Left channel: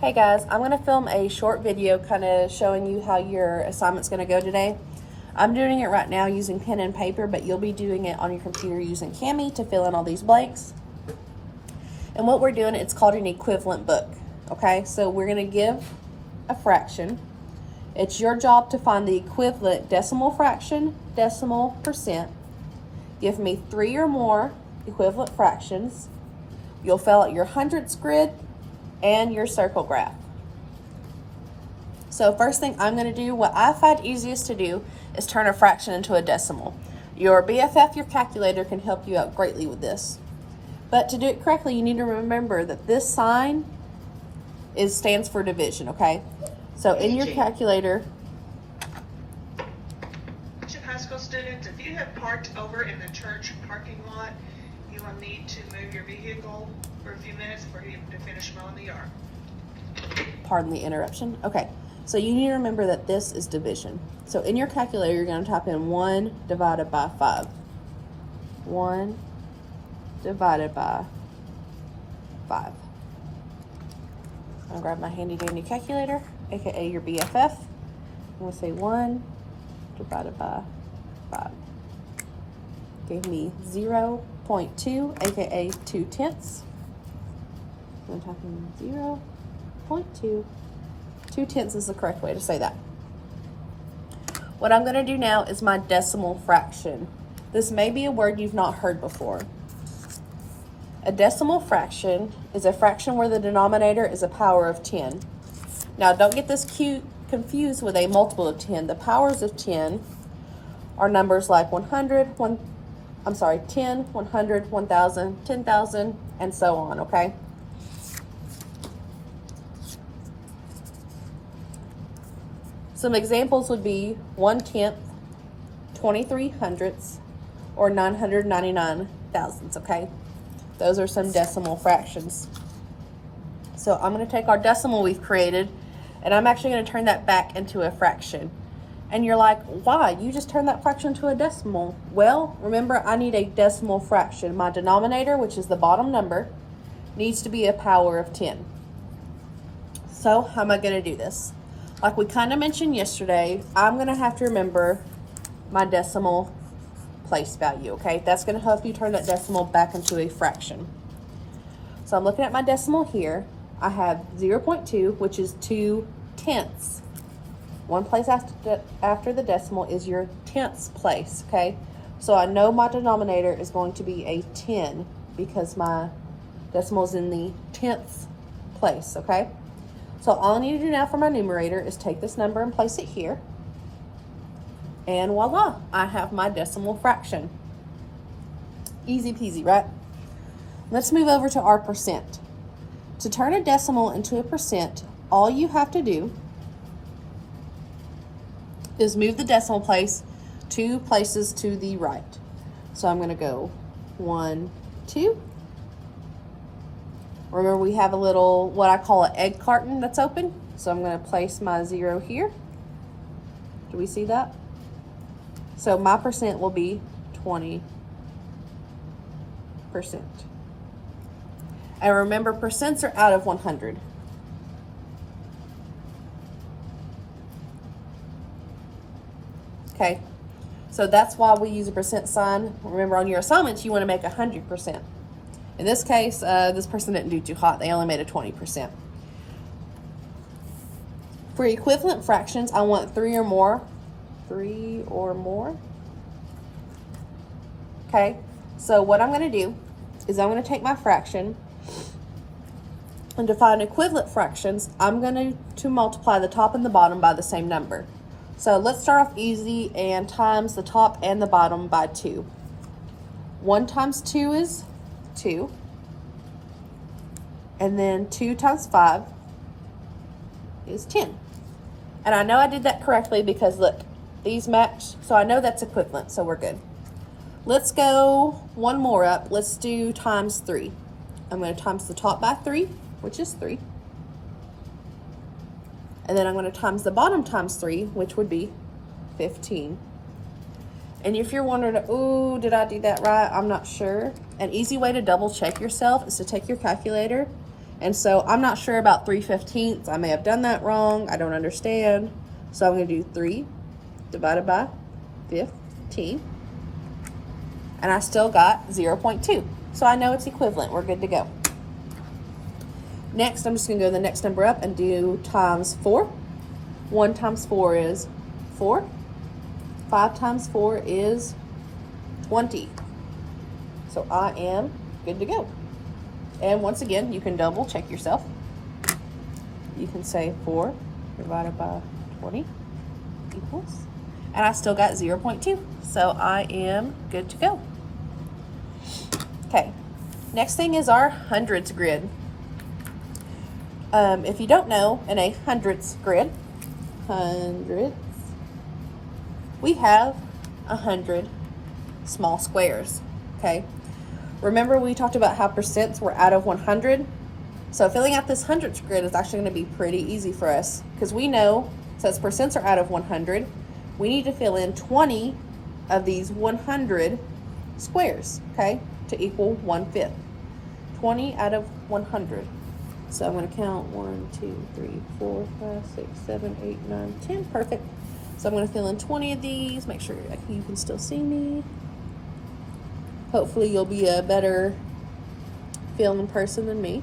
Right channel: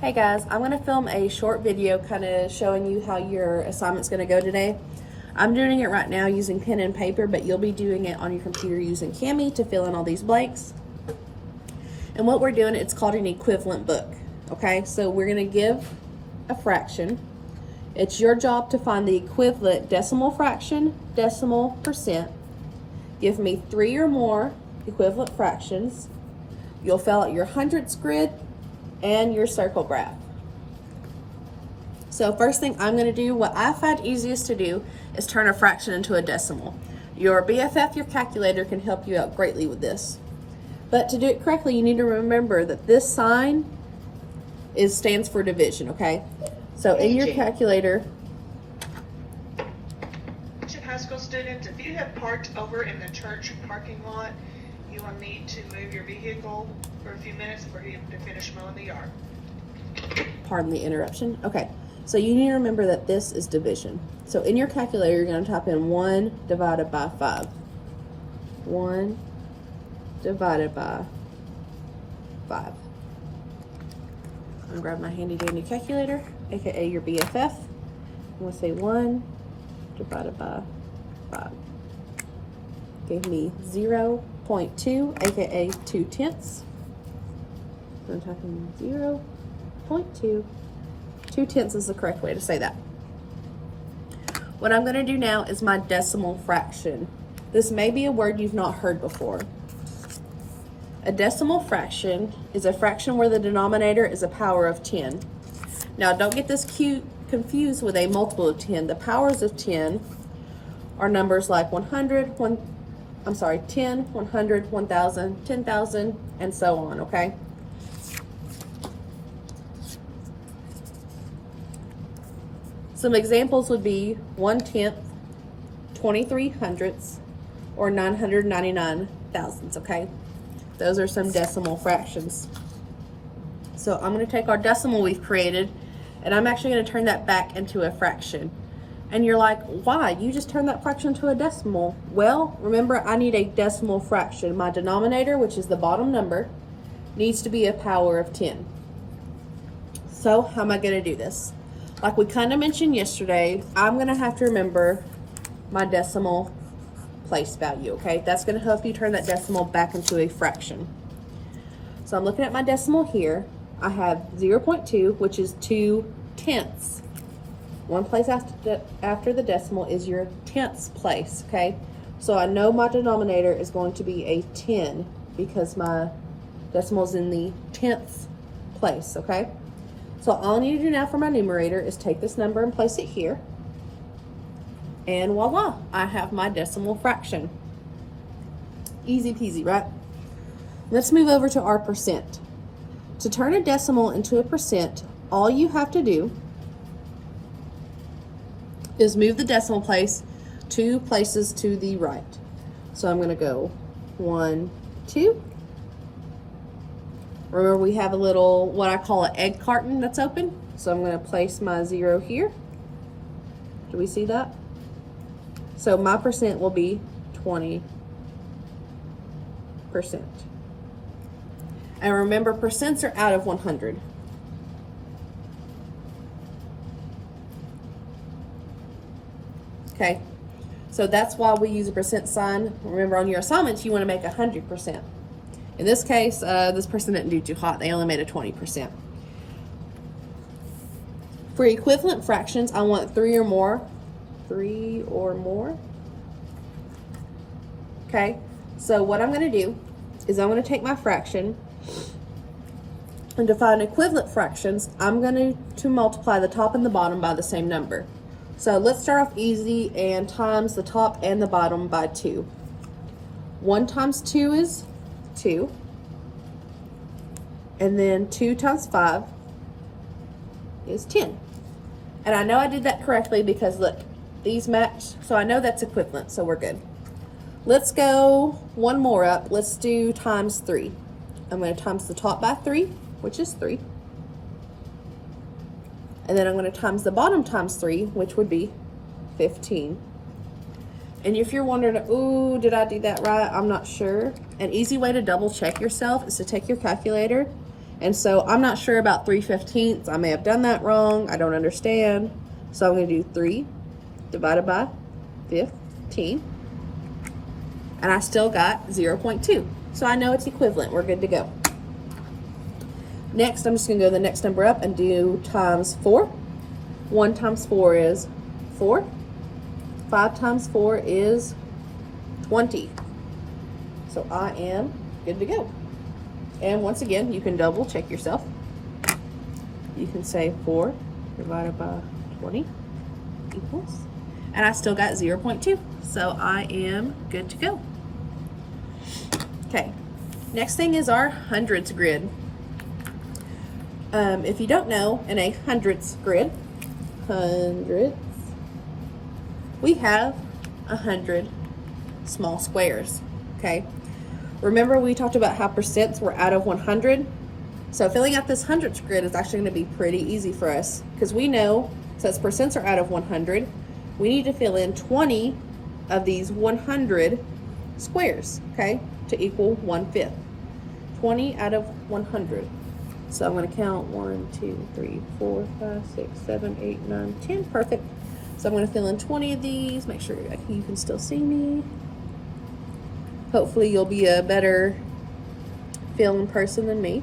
Hey guys, I'm going to film a short video kind of showing you how your assignment's going to go today. I'm doing it right now using pen and paper, but you'll be doing it on your computer using Kami to fill in all these blanks. And what we're doing, it's called an equivalent book. Okay, so we're going to give a fraction. It's your job to find the equivalent decimal fraction, decimal percent. Give me 3 or more equivalent fractions. You'll fill out your hundredths grid and your circle graph. So first thing I'm going to do, what I find easiest to do, is turn a fraction into a decimal. Your BFF, your calculator, can help you out greatly with this. But to do it correctly, you need to remember that this sign stands for division, okay? So in your calculator, High school students, if you have parked over in the church parking lot, you will need to move your vehicle for a few minutes for you to finish mowing the yard. pardon the interruption. Okay, so you need to remember that this is division. So in your calculator, you're going to type in 1 divided by 5. 1 divided by 5. I'm going to grab my handy dandy calculator, aka your BFF. I'm going to say 1 divided by 5. Gave me 0.2, aka 2 tenths. So I'm typing 0.2. 2 tenths is the correct way to say that. What I'm going to do now is my decimal fraction. This may be a word you've not heard before. A decimal fraction is a fraction where the denominator is a power of 10. Now don't get this confused with a multiple of 10. The powers of 10 are numbers like 10, 100, 1,000, 10,000, and so on, okay? Some examples would be 1/10, 23 hundredths, or 999 thousandths, okay? Those are some decimal fractions. So I'm going to take our decimal we've created, and I'm actually going to turn that back into a fraction. And you're like, why? You just turned that fraction to a decimal. Well, remember, I need a decimal fraction. My denominator, which is the bottom number, needs to be a power of 10. So how am I going to do this? Like we kind of mentioned yesterday, I'm going to have to remember my decimal place value, okay? That's going to help you turn that decimal back into a fraction. So I'm looking at my decimal here. I have 0.2, which is 2 tenths. One place after the decimal is your tenths place, okay? So I know my denominator is going to be a 10 because my decimal is in the tenths place, okay? So all I need to do now for my numerator is take this number and place it here. And voila, I have my decimal fraction. Easy peasy, right? Let's move over to our percent. To turn a decimal into a percent, all you have to do is move the decimal place 2 places to the right. So I'm going to go 1, 2. Remember, we have a little, what I call an egg carton that's open. So I'm going to place my 0 here. Do we see that? So my percent will be 20%. And remember, percents are out of 100. Okay, so that's why we use a percent sign. Remember, on your assignments, you want to make 100%. In this case, this person didn't do too hot. They only made a 20%. For equivalent fractions, I want 3 or more. 3 or more. Okay, so what I'm going to do is I'm going to take my fraction, and to find equivalent fractions, I'm going to multiply the top and the bottom by the same number. So let's start off easy and times the top and the bottom by 2. 1 times 2 is 2. And then 2 times 5 is 10. And I know I did that correctly because look, these match. So I know that's equivalent, so we're good. Let's go one more up. Let's do times 3. I'm going to times the top by 3, which is 3. And then I'm going to times the bottom times 3, which would be 15. And if you're wondering, ooh, did I do that right? I'm not sure. An easy way to double check yourself is to take your calculator And so I'm not sure about 3/15. I may have done that wrong. I don't understand. So I'm going to do 3 divided by 15. And I still got 0.2. So I know it's equivalent. We're good to go. Next, I'm just going to go the next number up and do times 4. 1 times 4 is 4. 5 times 4 is 20. So I am good to go. And once again, you can double check yourself. You can say 4 divided by 20 equals, and I still got 0.2. So I am good to go. Okay, next thing is our hundreds grid. If you don't know, in a hundreds grid, we have 100 small squares, okay? Remember we talked about how percents were out of 100? So filling out this hundreds grid is actually going to be pretty easy for us because we know, since percents are out of 100, we need to fill in 20 of these 100 squares, okay, to equal 1/5. 20 out of 100. So I'm going to count 1, 2, 3, 4, 5, 6, 7, 8, 9, 10. Perfect. So I'm going to fill in 20 of these. Make sure you can still see me. Hopefully you'll be a better feeling person than me.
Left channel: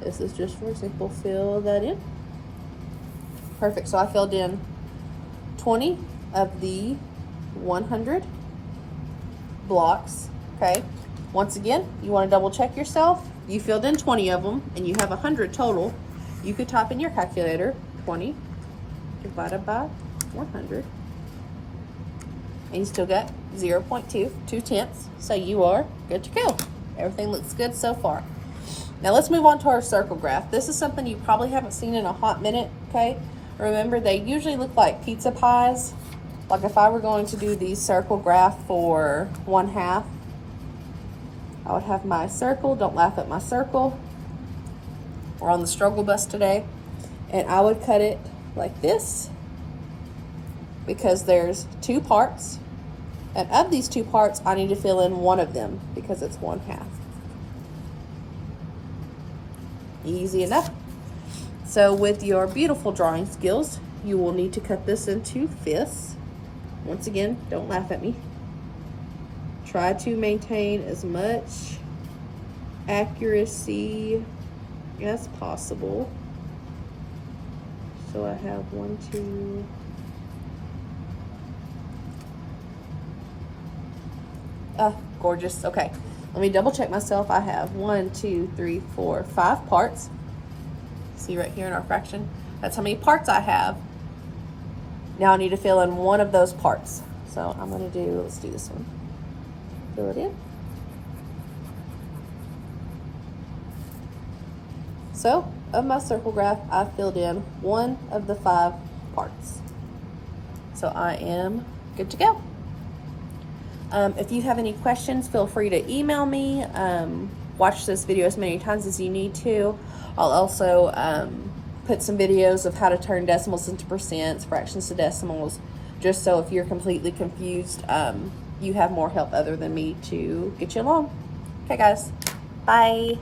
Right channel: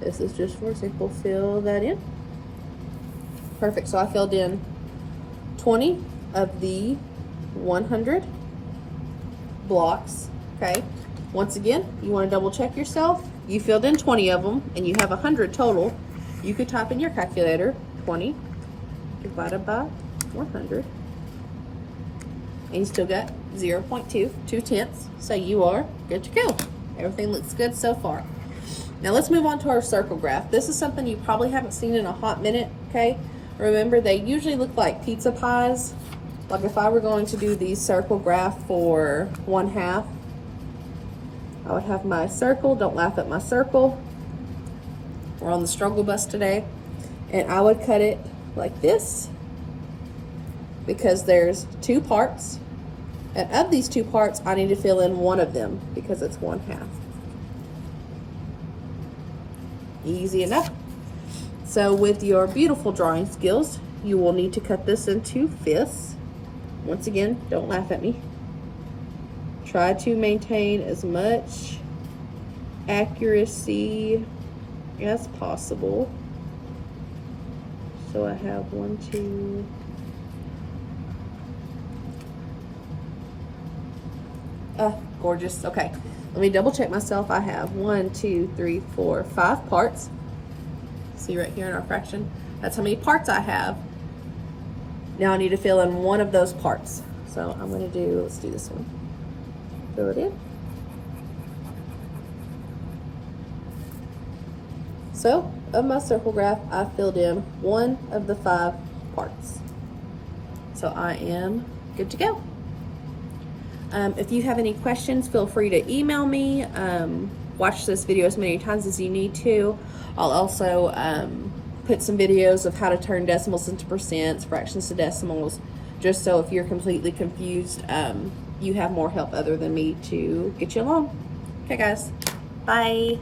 This is just for simple fill that in. Perfect. So I filled in 20 of the 100 blocks. Okay. Once again, you want to double check yourself. You filled in 20 of them and you have 100 total. You could type in your calculator 20 divided by 100. And you still got 0.2, 2/10. So you are good to go. Everything looks good so far. Now let's move on to our circle graph. This is something you probably haven't seen in a hot minute, okay? Remember, they usually look like pizza pies. Like if I were going to do the circle graph for 1/2, I would have my circle. Don't laugh at my circle. We're on the struggle bus today. And I would cut it like this because there's 2 parts. And of these 2 parts, I need to fill in one of them because it's 1/2. Easy enough. So with your beautiful drawing skills, you will need to cut this into fifths. Once again, don't laugh at me. Try to maintain as much accuracy as possible. So I have 1, 2, gorgeous. Okay, let me double check myself. I have 1, 2, 3, 4, 5 parts. See right here in our fraction, that's how many parts I have. Now I need to fill in one of those parts. So I'm going to do, let's do this one. Fill it in. So of my circle graph, I filled in one of the 5 parts. So I am good to go. If you have any questions, feel free to email me. Watch this video as many times as you need to. I'll also put some videos of how to turn decimals into percents, fractions to decimals, just so if you're completely confused, you have more help other than me to get you along. Okay guys, bye.